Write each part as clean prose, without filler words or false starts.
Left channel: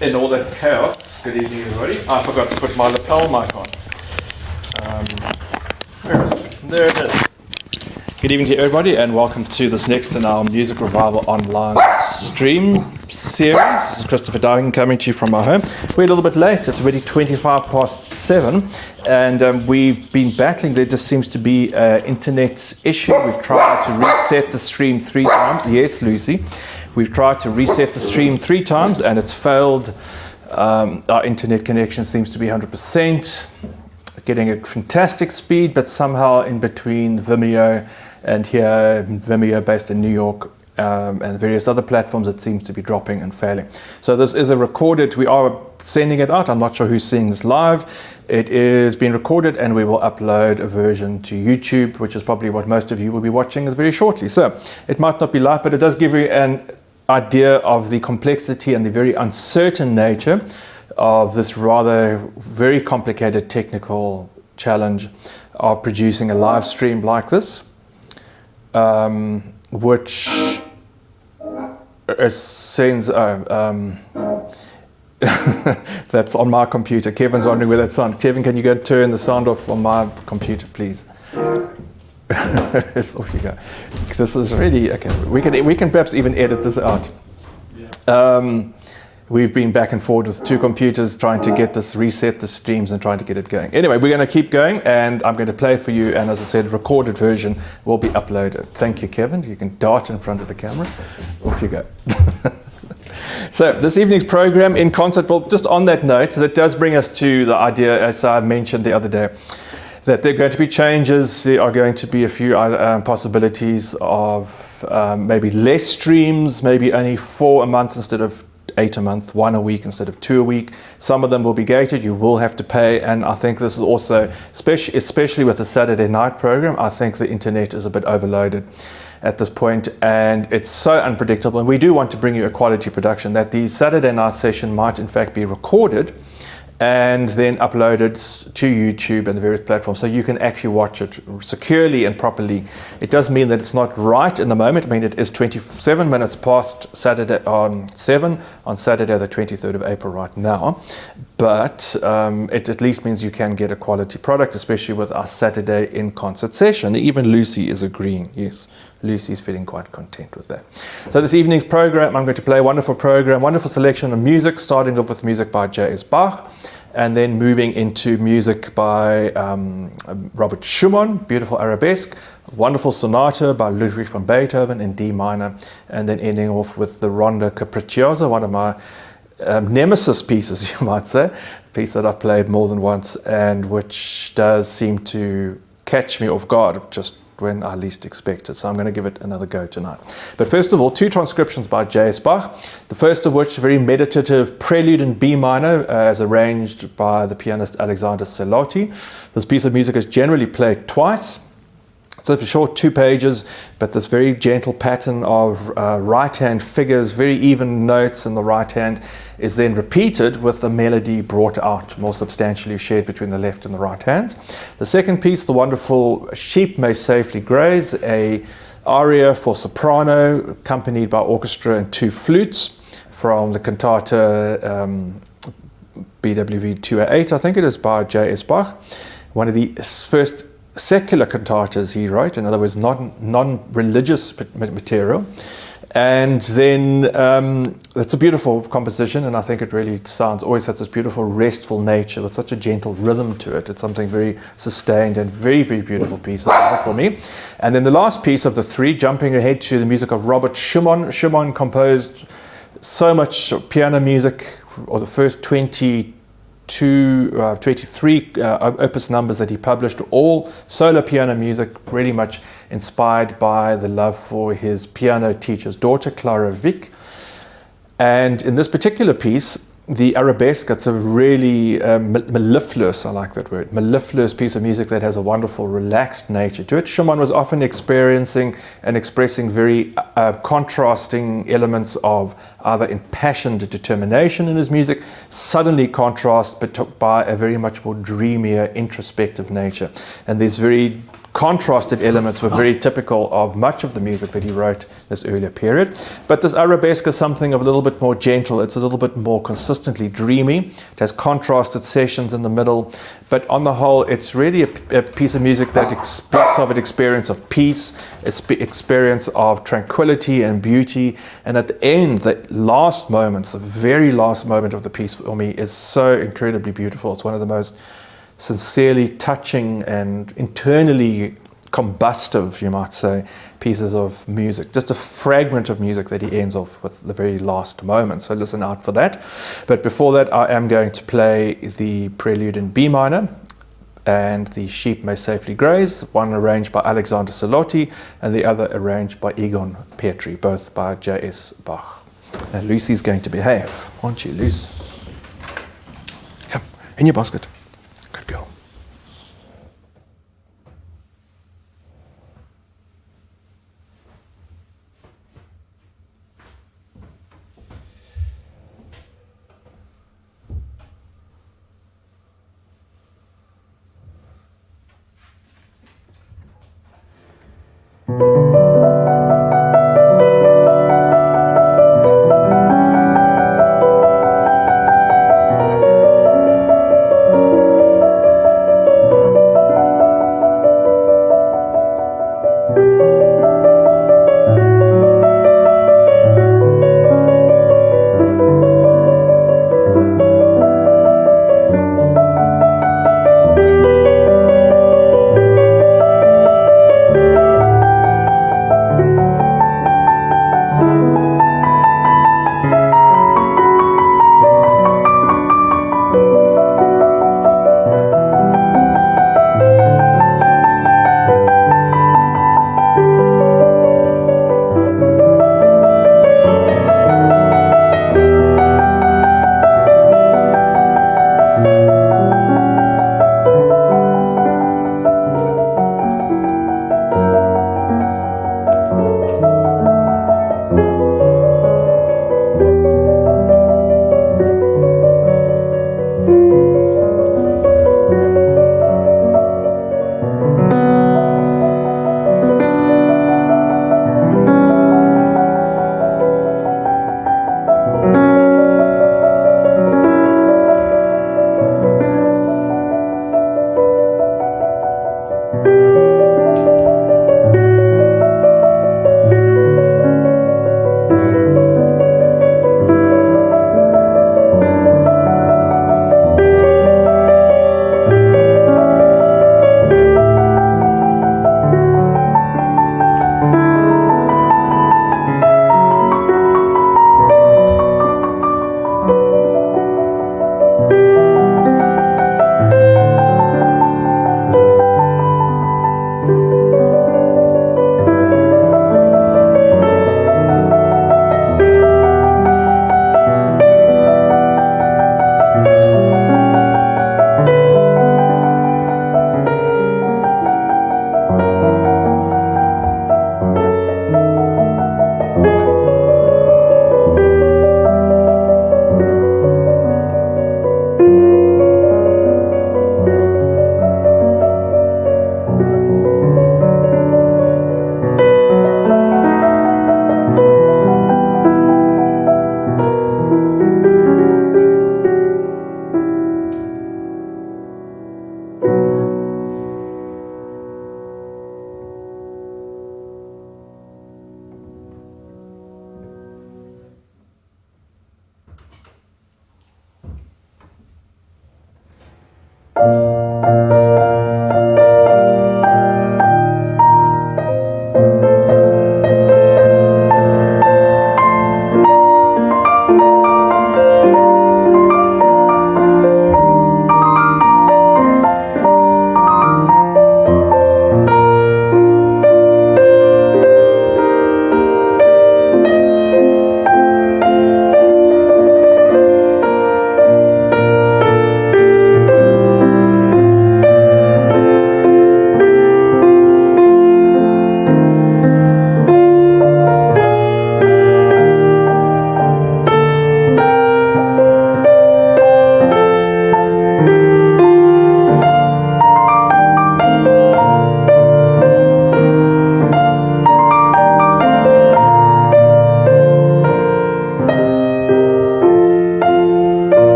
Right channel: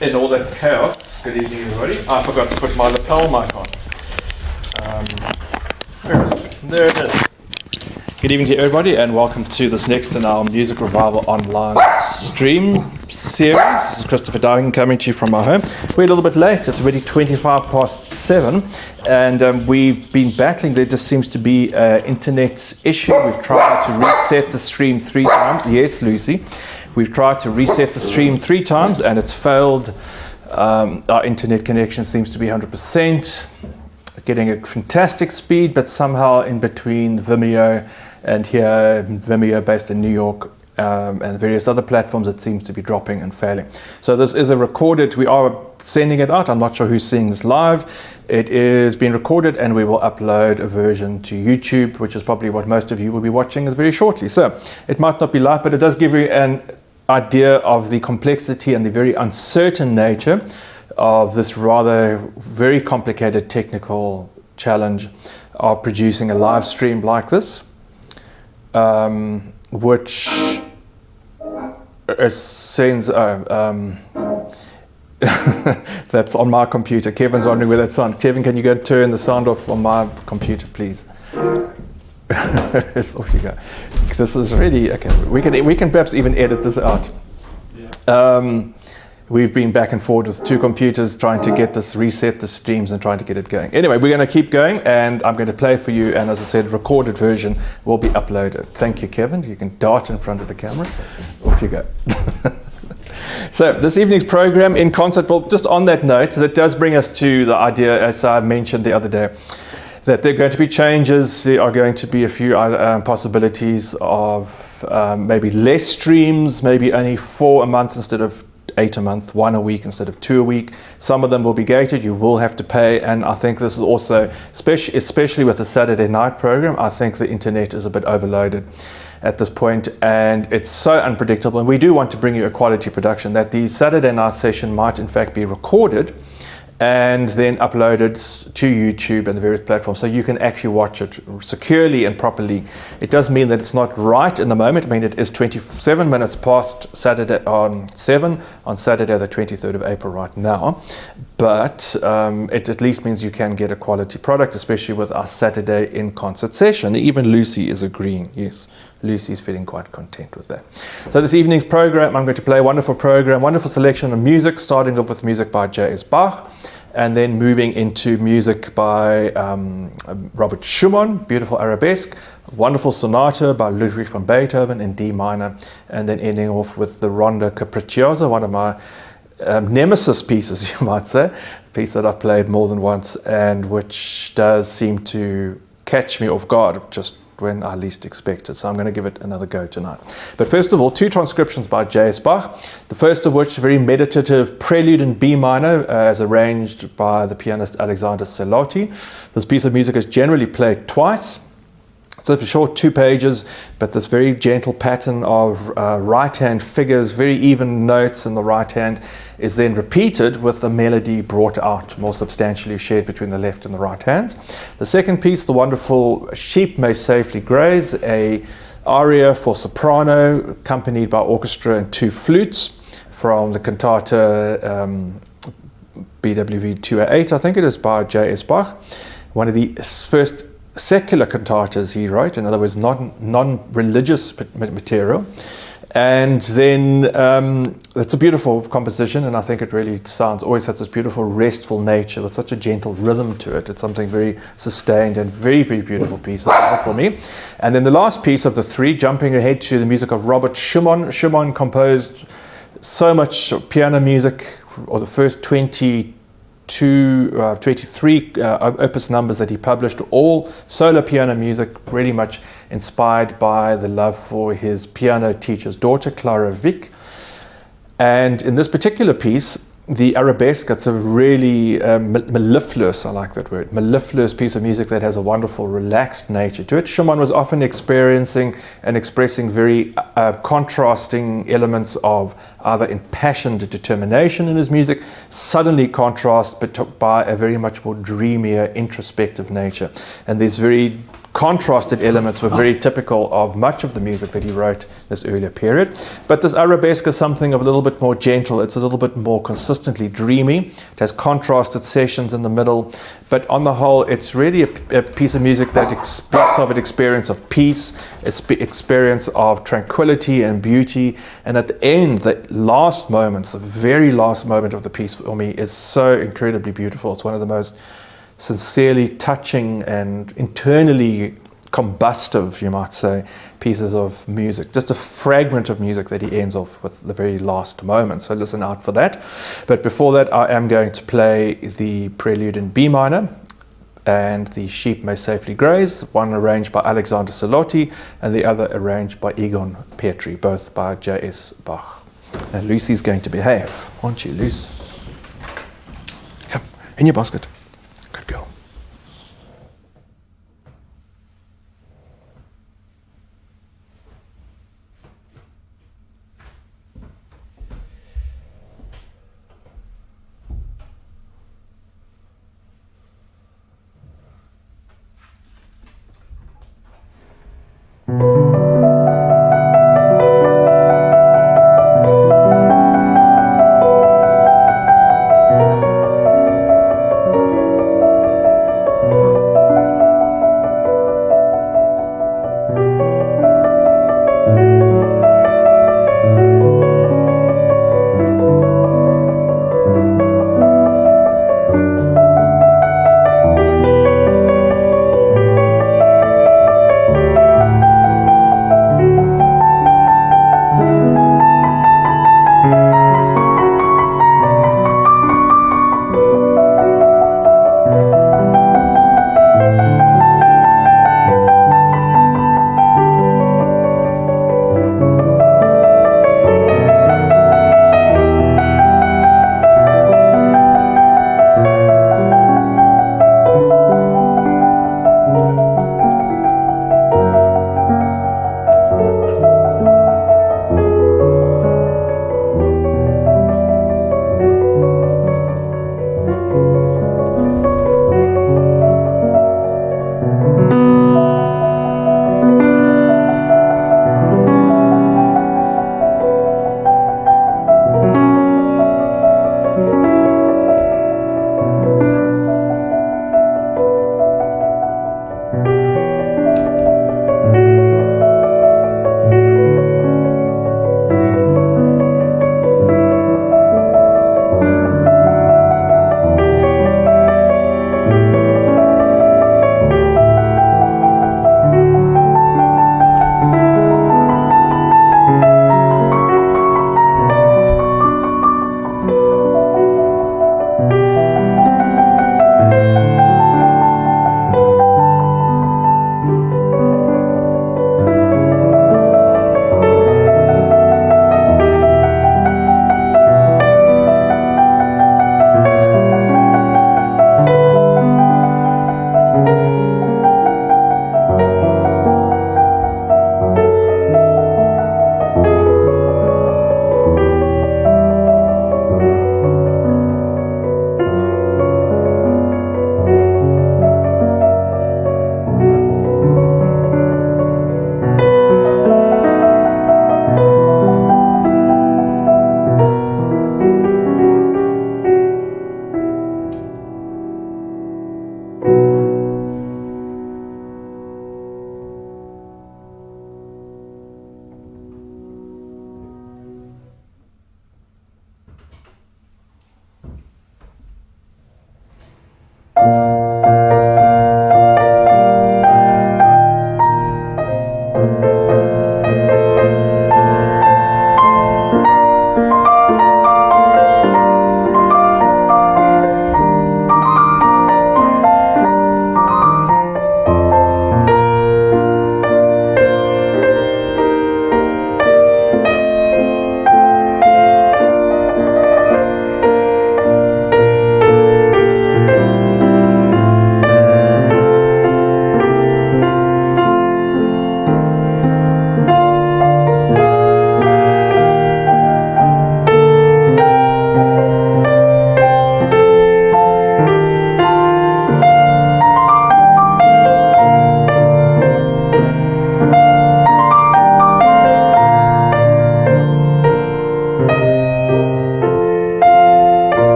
In all that chaos, good evening everybody. I forgot to put my lapel mic on. Where is it? There it is. Good evening to everybody and welcome to this next in our Music Revival online stream series. This is Christopher Dowling coming to you from my home. We're a little bit late, it's already 7:25 and we've been battling. There just seems to be an internet issue. We've tried to reset the stream 3 times. Yes, Lucy. We've tried to reset the stream 3 times and it's failed. Our internet connection seems to be 100%, getting a fantastic speed, but somehow in between Vimeo and here, Vimeo based in New York, and various other platforms, it seems to be dropping and failing. So this is a recorded, we are sending it out. I'm not sure who's seeing this live. It is being recorded and we will upload a version to YouTube, which is probably what most of you will be watching very shortly. So it might not be live, but it does give you an idea of the complexity and the very uncertain nature of this rather very complicated technical challenge of producing a live stream like this, which sends that's on my computer. Kevin's wondering where that sound. Kevin, can you go turn the sound off on my computer, please? Yes, off you go. This is really okay. We can perhaps even edit this out. Yeah. We've been back and forward with 2 computers trying to get this, reset the streams and trying to get it going. Anyway, we're going to keep going and I'm going to play for you, and as I said, recorded version will be uploaded. Thank you, Kevin. You can dart in front of the camera. Off you go. So this evening's program in concert, well, just on that note, that does bring us to the idea, as I mentioned the other day, that there are going to be changes. There are going to be a few possibilities of maybe less streams, maybe only 4 a month instead of 8 a month, 1 a week instead of 2 a week. Some of them will be gated, you will have to pay, and I think this is also, especially with the Saturday night program, I think the internet is a bit overloaded at this point and it's so unpredictable, and we do want to bring you a quality production that the Saturday night session might in fact be recorded and then uploaded to YouTube and the various platforms so you can actually watch it securely and properly. It does mean that it's not right in the moment. I mean, it is 27 minutes past Saturday on 7 on Saturday the 23rd of April right now, but it at least means you can get a quality product, especially with our Saturday in concert session. Even Lucy is agreeing. Yes, Lucy's feeling quite content with that. So this evening's program, I'm going to play a wonderful program, wonderful selection of music, starting off with music by J.S. Bach. and then moving into music by Robert Schumann, beautiful arabesque, wonderful sonata by Ludwig van Beethoven in D minor, and then ending off with the Rondo Capriccioso, one of my nemesis pieces, you might say, a piece that I've played more than once and which does seem to catch me off guard just when I least expect it. So I'm going to give it another go tonight. But first of all, 2 transcriptions by J.S. Bach. The first of which, very meditative Prelude in B minor, as arranged by the pianist Alexander Celotti. This piece of music is generally played twice. So it's a short 2 pages, but this very gentle pattern of right hand figures, very even notes in the right hand, is then repeated with the melody brought out more substantially, shared between the left and the right hands. The second piece, the wonderful Sheep May Safely Graze, a aria for soprano, accompanied by orchestra and 2 flutes, from the cantata BWV 208, I think it is, by J.S. Bach. One of the first secular cantatas he wrote, in other words, non-religious material. And then it's a beautiful composition, and I think it really always has this beautiful restful nature with such a gentle rhythm to it. It's something very sustained and very, very beautiful piece of music for me. And then the last piece of the 3, jumping ahead to the music of Robert Schumann. Schumann composed so much piano music, or the first 23 opus numbers that he published, all solo piano music, really much inspired by the love for his piano teacher's daughter, Clara Wieck. And in this particular piece, the arabesque, it's a really mellifluous, I like that word, mellifluous piece of music that has a wonderful relaxed nature to it. Schumann was often experiencing and expressing very contrasting elements of either impassioned determination in his music, suddenly contrast but by a very much more dreamier, introspective nature. And these very contrasted elements were very typical of much of the music that he wrote this earlier period. But this arabesque is something of a little bit more gentle. It's a little bit more consistently dreamy. It has contrasted sessions in the middle. But on the whole, it's really a piece of music that speaks of an experience of peace, experience of tranquility and beauty. And at the end, the last moments, the very last moment of the piece for me is so incredibly beautiful. It's one of the most sincerely touching and internally combustive, you might say, pieces of music. Just a fragment of music that he ends off with the very last moment. So listen out for that. But before that, I am going to play the Prelude in B minor and the Sheep May Safely Graze, one arranged by Alexander Celotti and the other arranged by Egon Petri, both by J.S. Bach. Now Lucy's going to behave, aren't you, Luce? Come, in your basket. Good girl.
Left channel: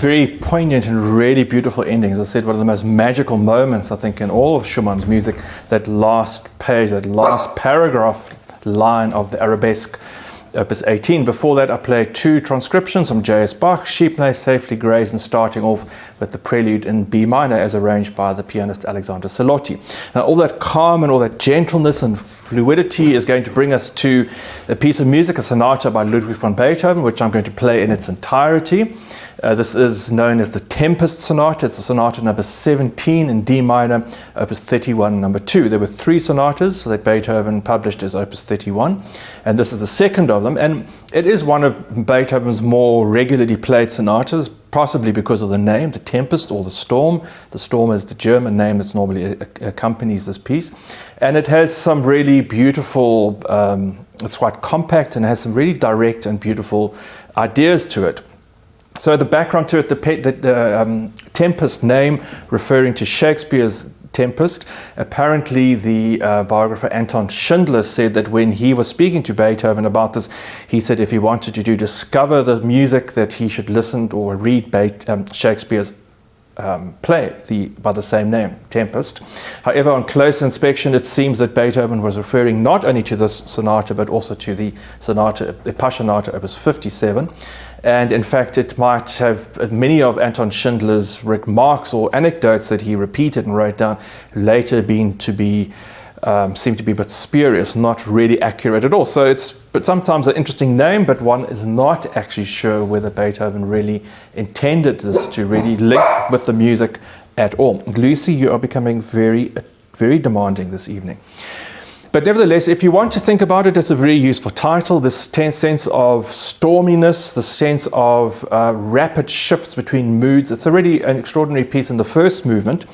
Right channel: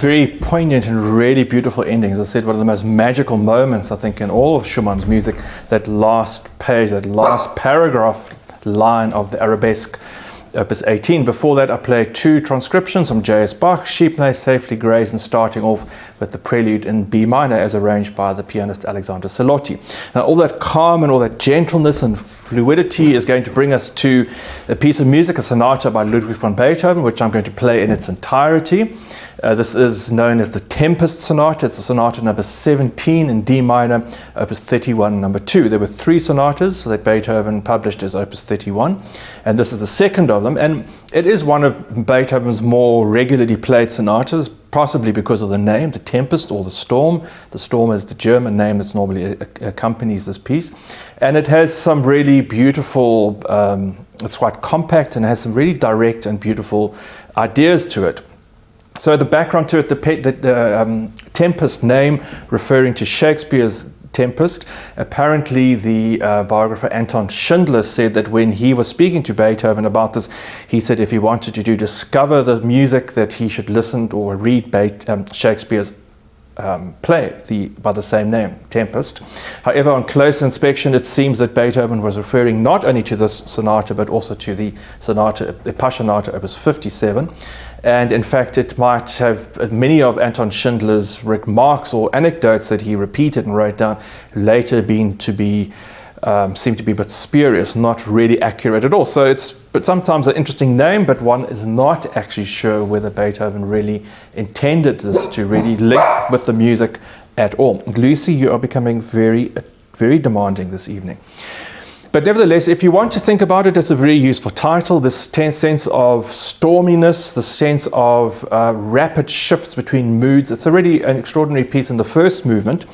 Very poignant and really beautiful endings. As I said, one of the most magical moments, I think, in all of Schumann's music, that last page, that last paragraph line of the Arabesque, Opus 18. Before that, I played two transcriptions from J.S. Bach, Sheep May Safely Graze, and starting off with the Prelude in B minor as arranged by the pianist Alexander Salotti. Now, all that calm and all that gentleness and fluidity is going to bring us to a piece of music, a sonata by Ludwig van Beethoven, which I'm going to play in its entirety. This is known as the Tempest Sonata. It's the sonata number 17 in D minor, Opus 31, number 2. There were 3 sonatas that Beethoven published as Opus 31, and this is the second of them. And it is one of Beethoven's more regularly played sonatas, possibly because of the name, the Tempest or the Storm. The Storm is the German name that normally accompanies this piece. And it has some really beautiful, it's quite compact and has some really direct and beautiful ideas to it. So the background to it, the Tempest name referring to Shakespeare's Tempest. Apparently the biographer Anton Schindler said that when he was speaking to Beethoven about this, he said if he wanted to discover the music, that he should listen or read Shakespeare's play by the same name, Tempest. However, on close inspection, it seems that Beethoven was referring not only to this sonata, but also to the Passionata Opus 57. And in fact, it might have many of Anton Schindler's remarks or anecdotes that he repeated and wrote down later seem to be a bit spurious, not really accurate at all. So it's sometimes an interesting name, but one is not actually sure whether Beethoven really intended this to really link with the music at all. Lucy, you are becoming very, very demanding this evening. But nevertheless, if you want to think about it, it's a very useful title. This sense of storminess, the sense of rapid shifts between moods. It's already an extraordinary piece in the first movement.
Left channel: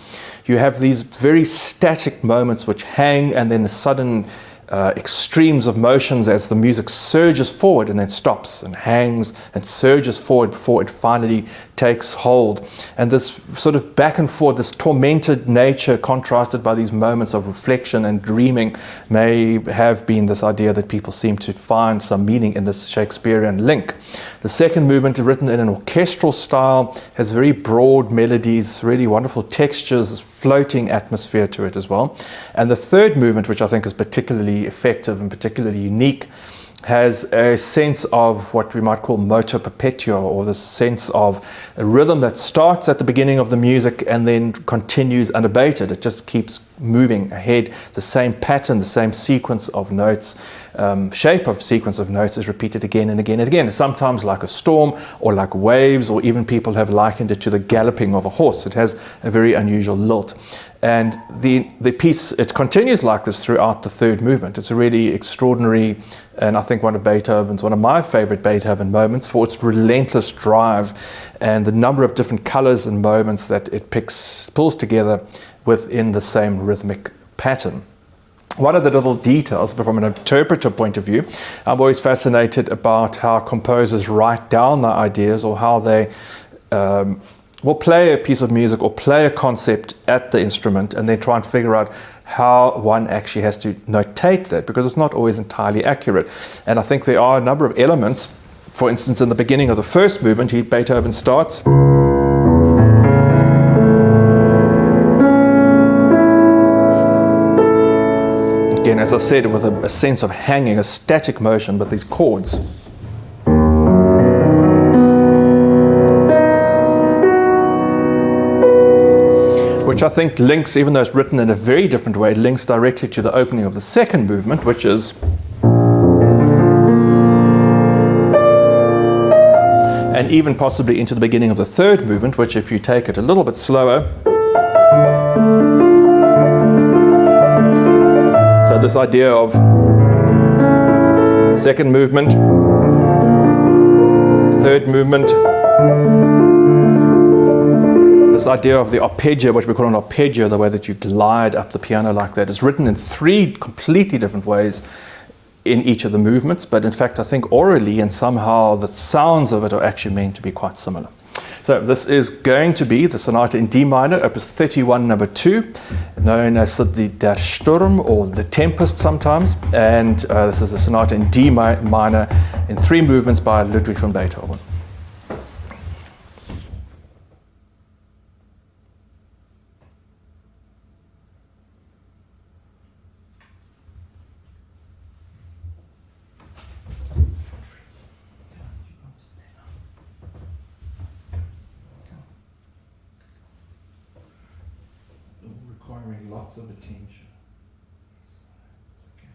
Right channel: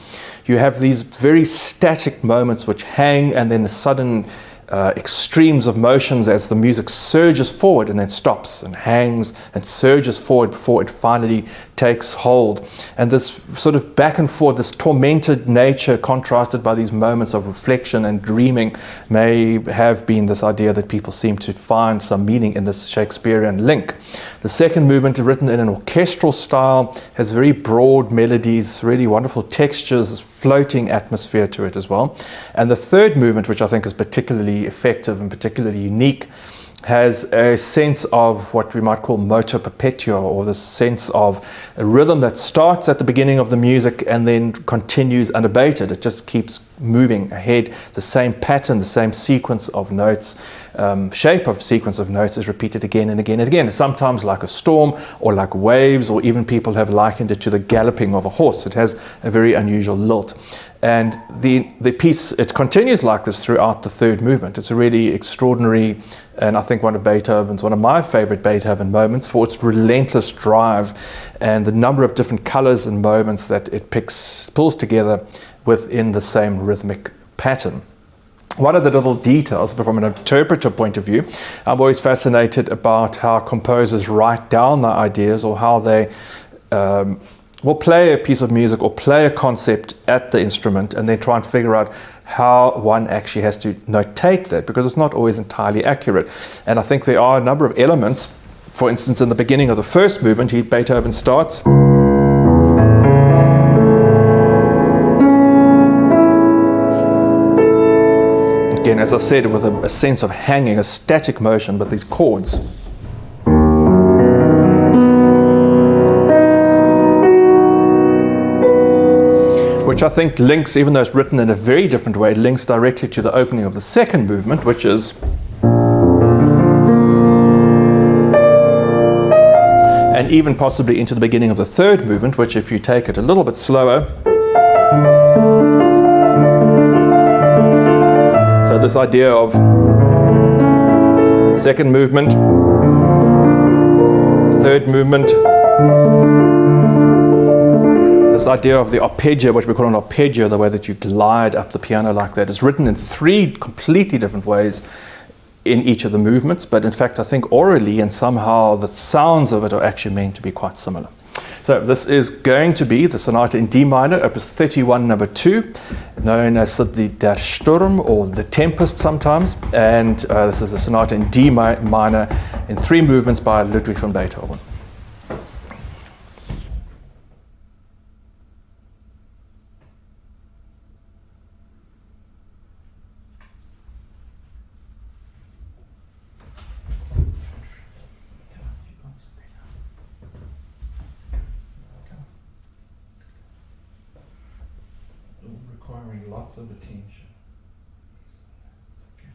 You have these very static moments which hang, and then the sudden extremes of motions as the music surges forward and then stops and hangs and surges forward before it finally takes hold. And this sort of back and forth, this tormented nature contrasted by these moments of reflection and dreaming may have been this idea that people seem to find some meaning in this Shakespearean link. The second movement, written in an orchestral style, has very broad melodies, really wonderful textures, floating atmosphere to it as well. And the third movement, which I think is particularly effective and particularly unique, has a sense of what we might call motu perpetuo, or this sense of a rhythm that starts at the beginning of the music and then continues unabated. It just keeps moving ahead. The same pattern, the same sequence of notes, shape of sequence of notes is repeated again and again and again. Sometimes like a storm or like waves, or even people have likened it to the galloping of a horse. It has a very unusual lilt. And the piece, it continues like this throughout the third movement. It's a really extraordinary, and I think one of my favorite Beethoven moments, for its relentless drive and the number of different colors and moments that it pulls together within the same rhythmic pattern. One of the little details, but from an interpreter point of view, I'm always fascinated about how composers write down their ideas, or how they will play a piece of music or play a concept at the instrument and then try and figure out how one actually has to notate that, because it's not always entirely accurate. And I think there are a number of elements. For instance, in the beginning of the first movement, Beethoven starts. Again, as I said, with a sense of hanging, a static motion with these chords. which I think links, even though it's written in a very different way, links directly to the opening of the second movement, which is, and even possibly into the beginning of the third movement, which, if you take it a little bit slower, so this idea of second movement, third movement, this idea of the arpeggio, which we call an arpeggio, the way that you glide up the piano like that, is written in three completely different ways in each of the movements, but in fact I think orally and somehow the sounds of it are actually meant to be quite similar. So this is going to be the Sonata in D minor, opus 31, number 2, known as the Der Sturm or the Tempest sometimes, and this is the Sonata in D minor in 3 movements by Ludwig van Beethoven. Requiring lots of attention. It's okay.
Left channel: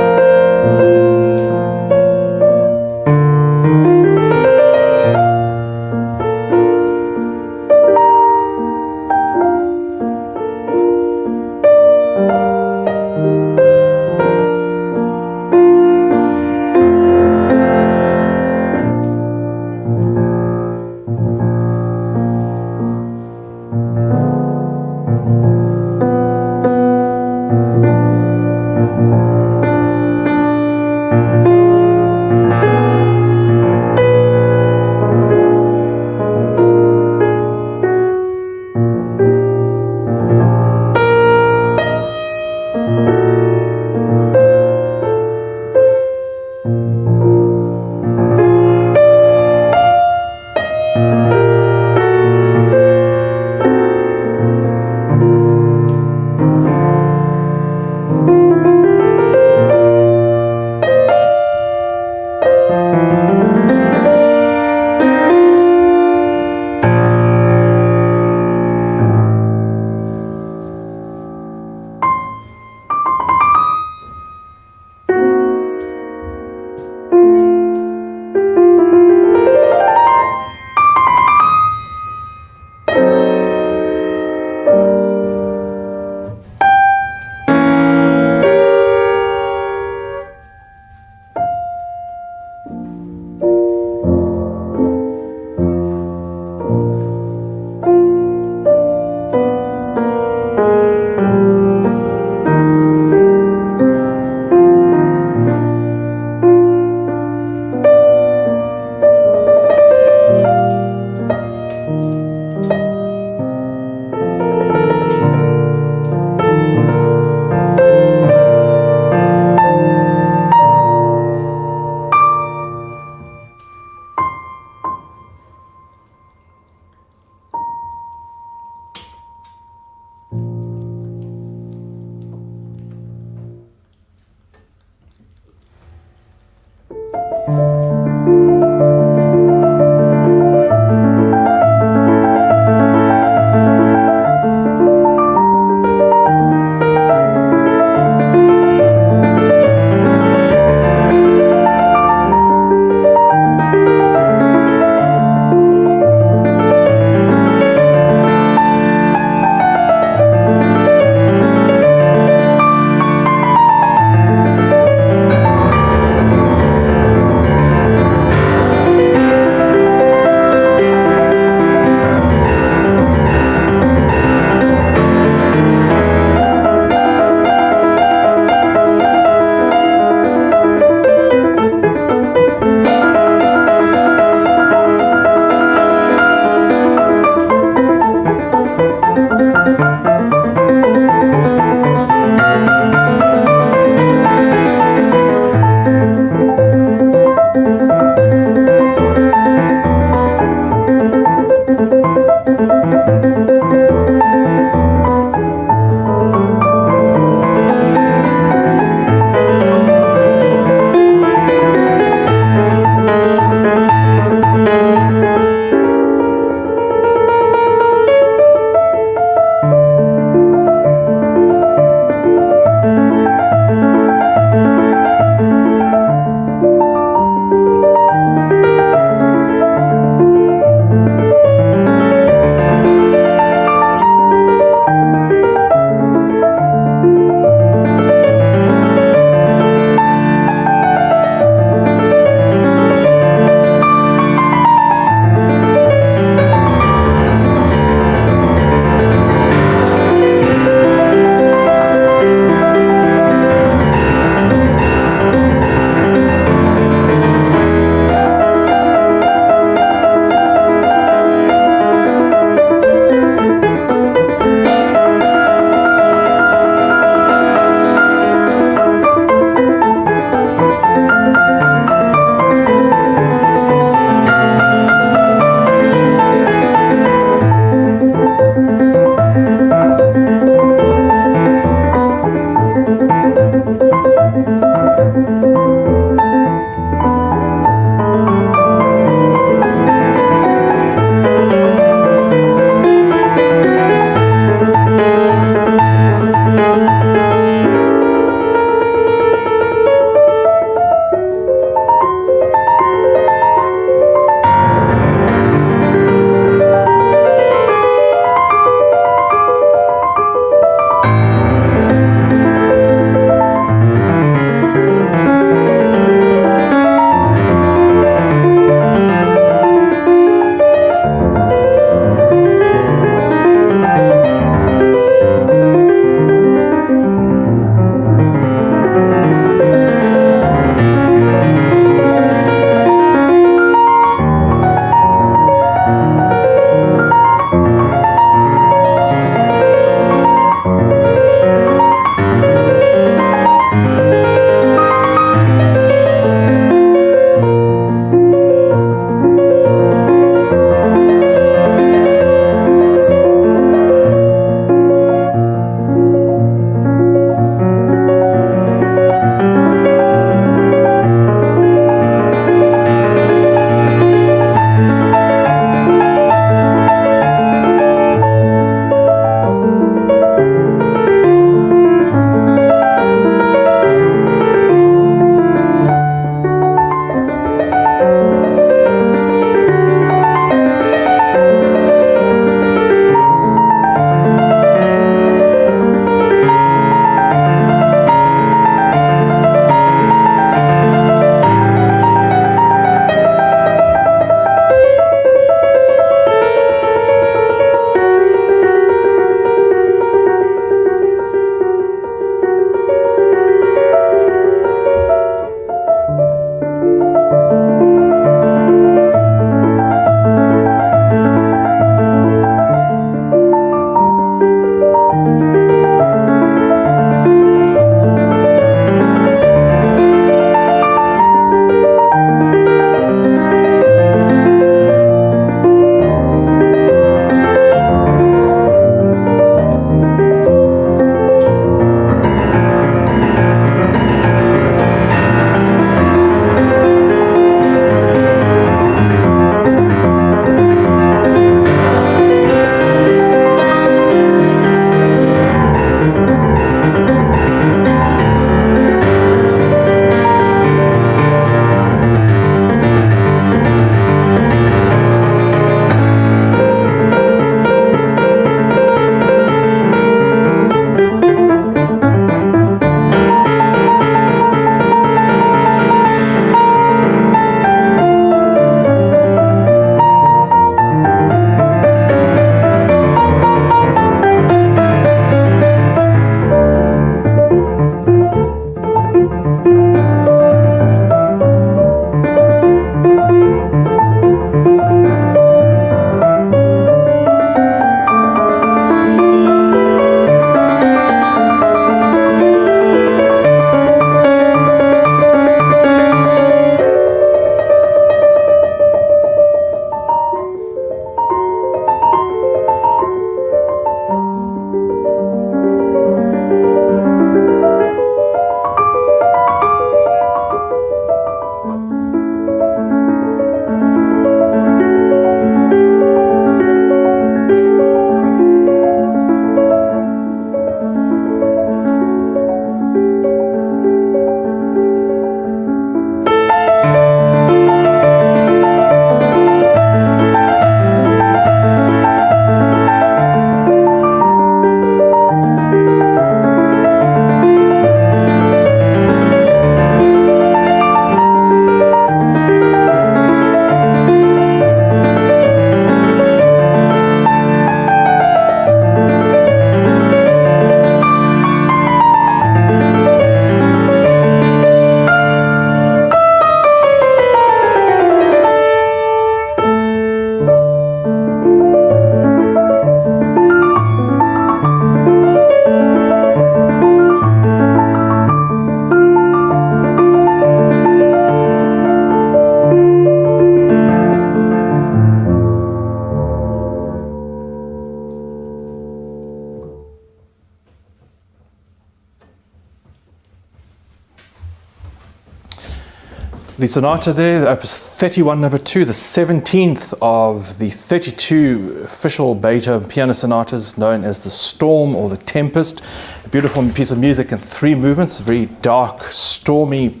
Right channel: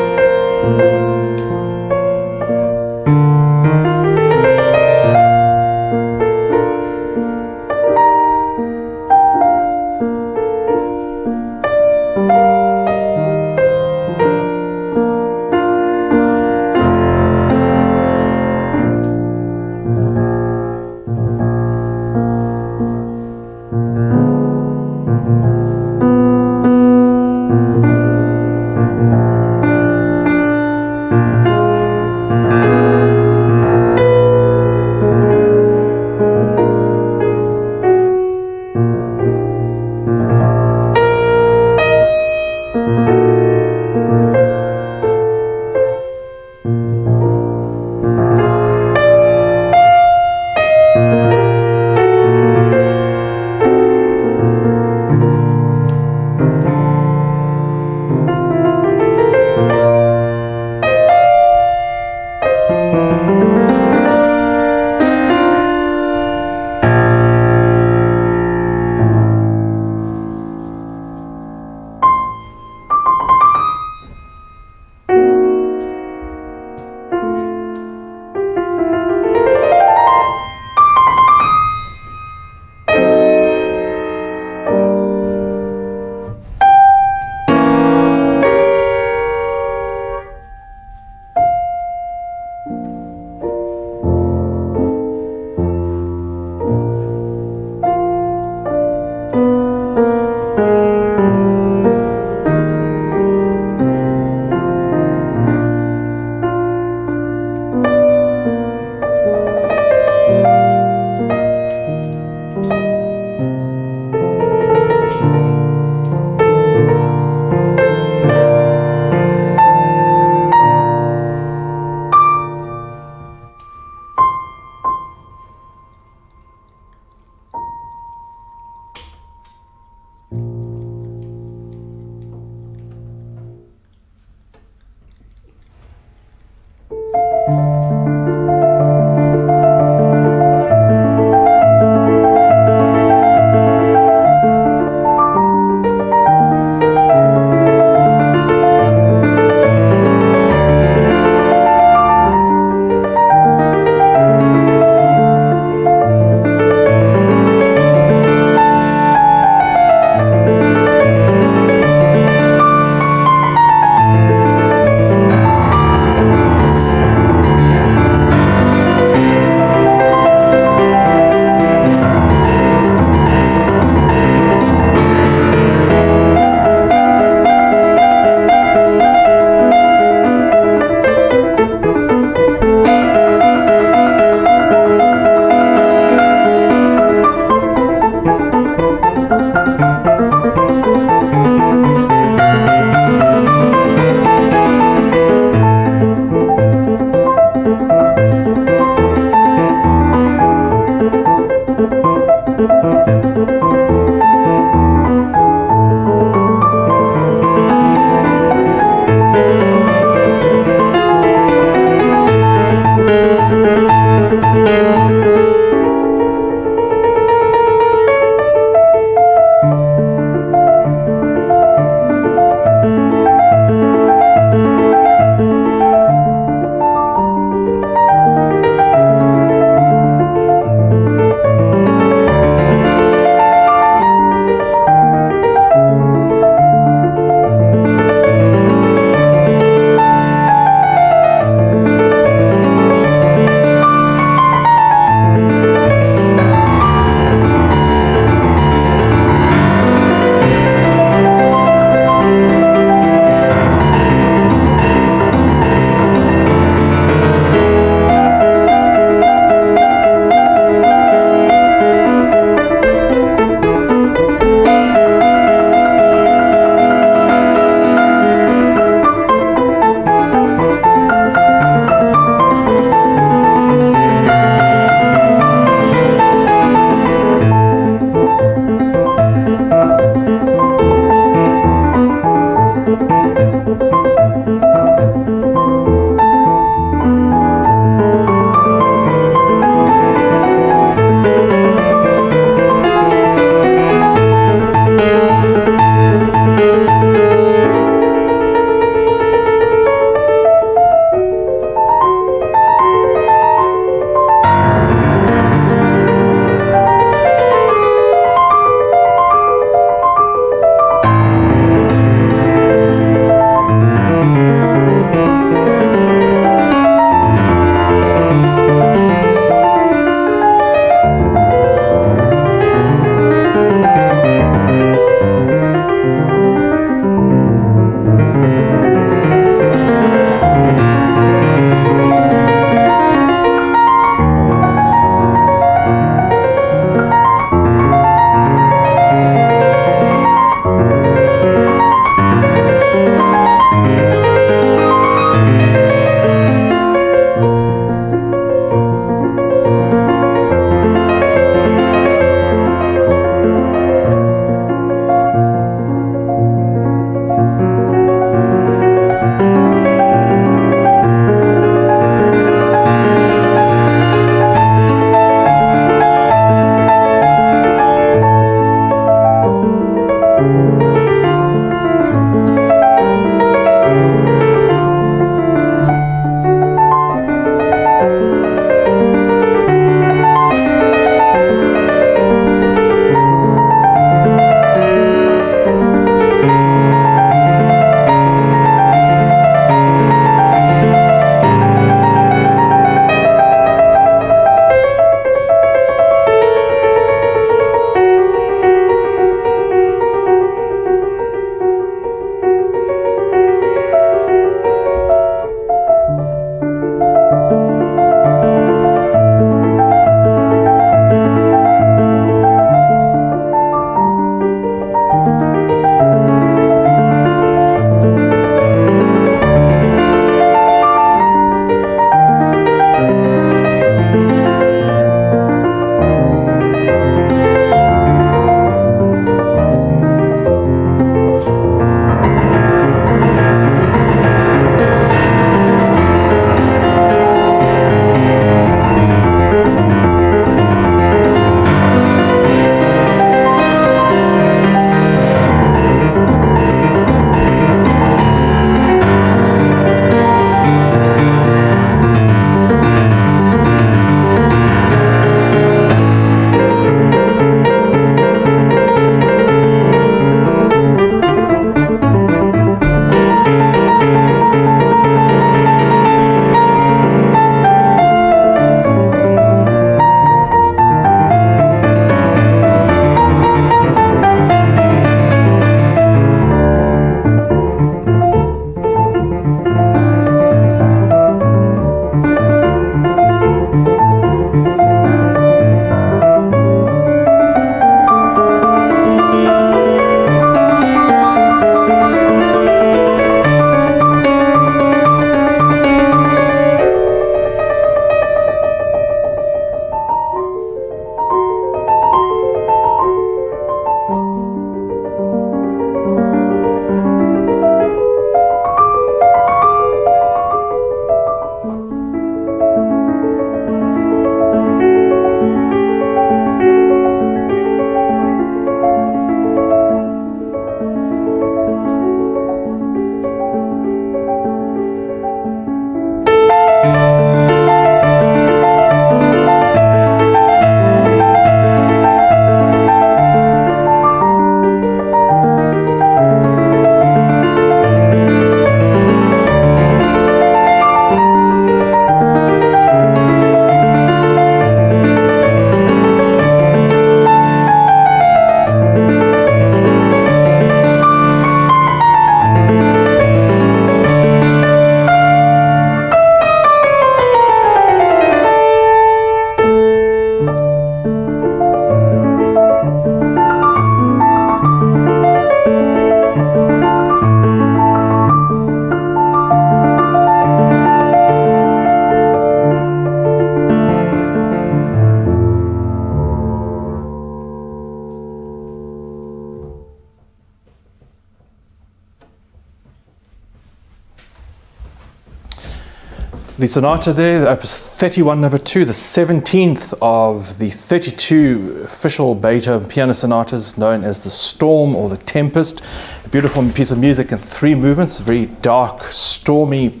The sonata there, the Opus 31 number 2, the 17th of the 32 official Beethoven piano sonatas, known as the Storm or the Tempest. A beautiful piece of music in 3 movements, very dark, stormy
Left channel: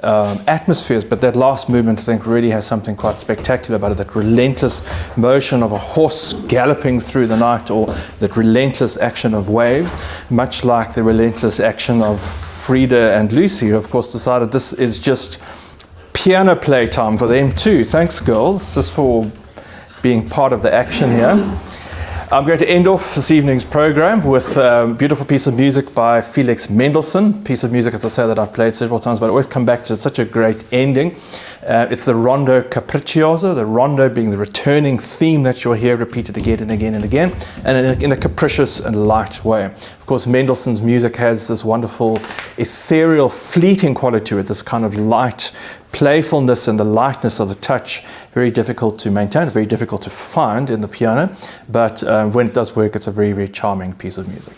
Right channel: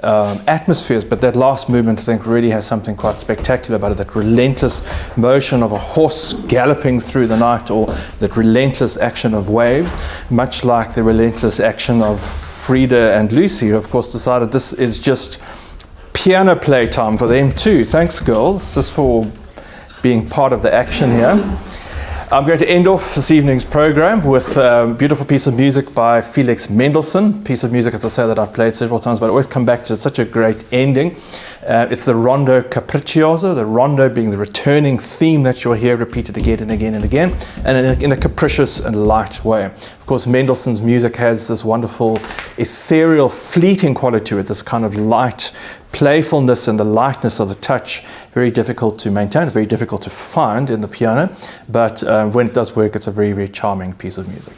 atmospheres, but that last movement I think really has something quite spectacular about it, that relentless motion of a horse galloping through the night, or that relentless action of waves, much like the relentless action of Frida and Lucy, who of course decided this is just piano play time for them too. Thanks, girls, just for being part of the action here. I'm going to end off this evening's program with a beautiful piece of music by Felix Mendelssohn. Piece of music, as I say, that I've played several times, but I always come back to such a great ending. It's the Rondo Capriccioso, the rondo being the returning theme that you'll hear repeated again and again and again, and in a capricious and light way. Of course, Mendelssohn's music has this wonderful ethereal, fleeting quality to it, this kind of light playfulness and the lightness of the touch, very difficult to maintain, very difficult to find in the piano, but when it does work, it's a very, very charming piece of music.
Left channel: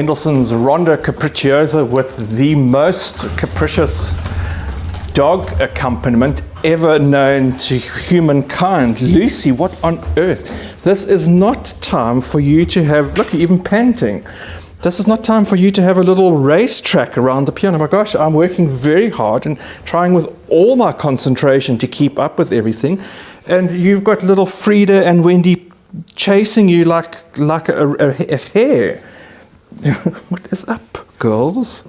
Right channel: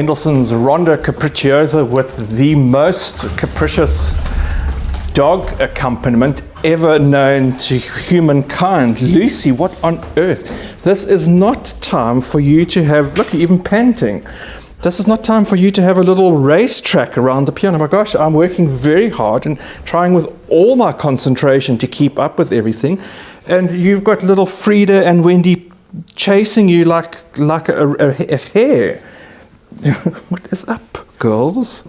Mendelssohn's Rondo Capriccioso with the most capricious dog accompaniment ever known to humankind. Lucy, what on earth? This is not time for you to have, look, even panting. This is not time for you to have a little racetrack around the piano. My gosh, I'm working very hard and trying with all my concentration to keep up with everything. And you've got little Frida and Wendy chasing you like a hare. What is up, girls?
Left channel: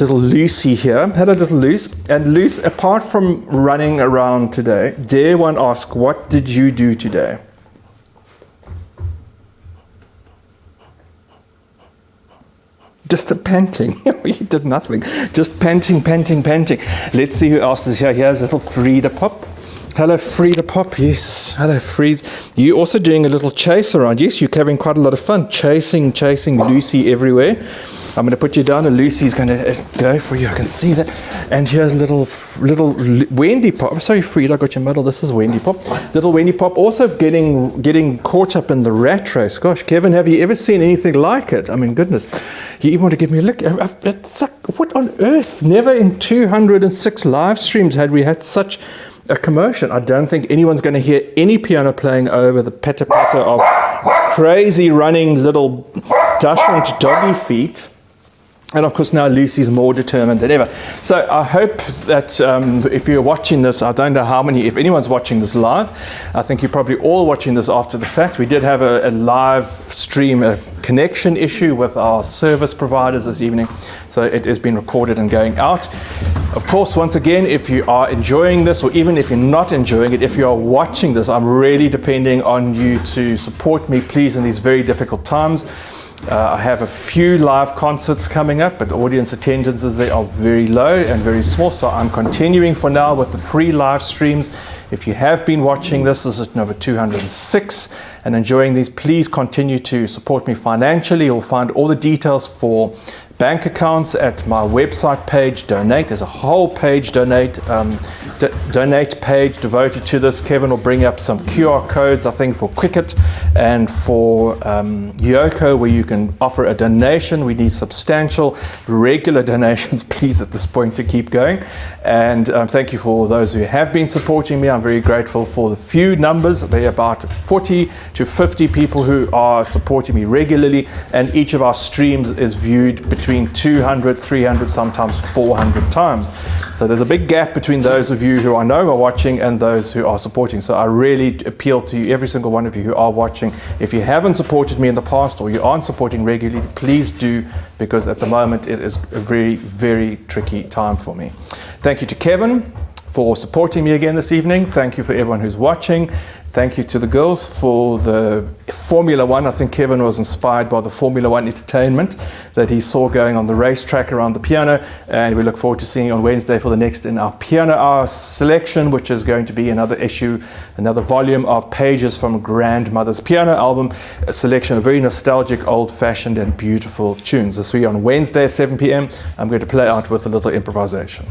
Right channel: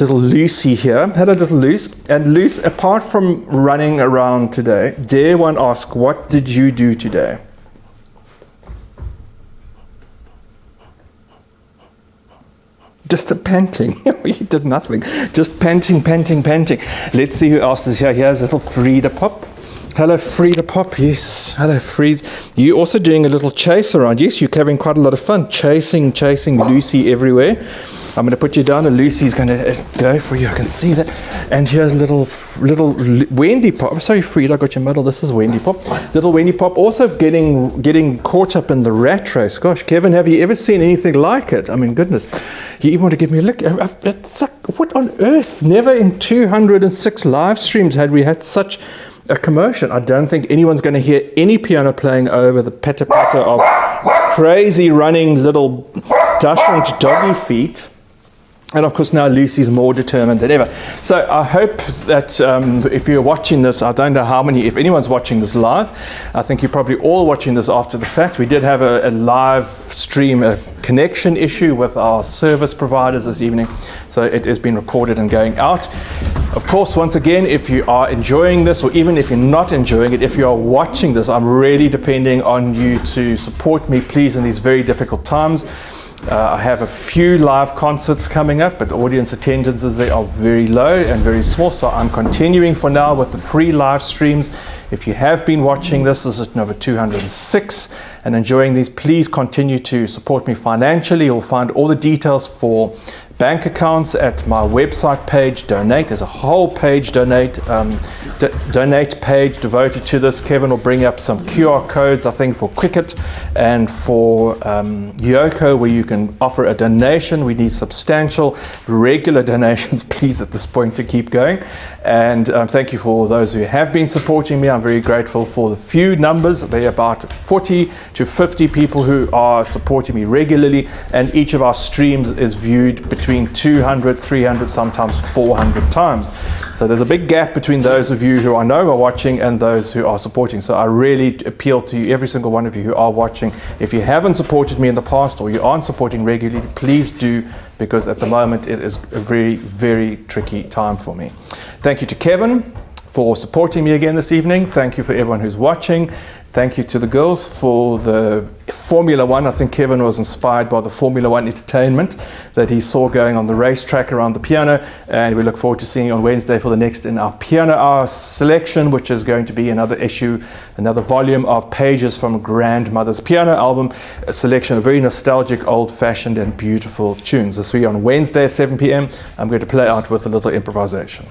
Little Lucy here. Hello, little Luce. And Luce, apart from running around today, dare one ask, what did you do today? Just a panting. You did nothing. Just panting. Let's see who else is here. Here's little Frida Pop. Hello, Frida Pop. Yes. Hello, Frieds. You also doing a little chase around. Yes, you're having quite a lot of fun chasing Lucy everywhere. I'm going to put you down, and Lucy's going to go for you. I can see that. And here's little Wendy Pop. Sorry, Frida, I got your medal. This is Wendy Pop. Little Wendy Pop also getting caught up in the rat race. Gosh, Kevin, have you ever seen anything like it? I mean, goodness. You even want to give me a look. It's like, what on earth? Never in 206 live streams had we had such a commotion. I don't think anyone's going to hear any piano playing over the patter-patter of crazy running little dachshund doggy feet. And of course now Lucy's more determined than ever. So I hope that if you're watching this, I don't know how many, if anyone's watching this live, I think you're probably all watching this after the fact. We did have a live stream, a connection issue with our service providers this evening. So it has been recorded and going out. Of course, once again, if you are enjoying this, or even if you're not enjoying it, if you are watching this, I'm really depending on you to support me, please, in these very difficult times. I have a few live concerts coming up, but audience attendances, they are very low and very small, so I'm continuing for now with the free live streams. If you have been watching this is number 206 and enjoying these, please continue to support me financially. You'll find all the details for bank accounts at my website page, Donate. There's a whole page, Donate page devoted to this. Kevin will bring up some QR codes, I think, for Cricket and for Yoko, where you can offer a donation. We need substantial, regular donations, please, at this point to keep going. And thank you for those who have been supporting me. I'm very grateful for the few numbers. There are about 40 to 50 people who are supporting me regularly, and each of our streams is viewed between 200, 300, sometimes 400 times. So there's a big gap between those of you who I know are watching and those who are supporting. So I really appeal to you, every single one of you who are watching. If you haven't supported me in the past or you aren't supporting regularly, please do, because at the moment it is a very, very tricky time for me. Thank you to Kevin for supporting me again this evening. Thank you for everyone who's watching. Thank you to the girls for the Formula One. I think Kevin was inspired by the Formula One entertainment that he saw going on the racetrack around the piano. And we look forward to seeing you on Wednesday for the next in our Piano Hour selection, which is going to be another issue, another volume of pages from Grandmother's Piano album, a selection of very nostalgic, old-fashioned and beautiful tunes. This will be on Wednesday at 7 p.m. I'm going to play out with a little improvisation.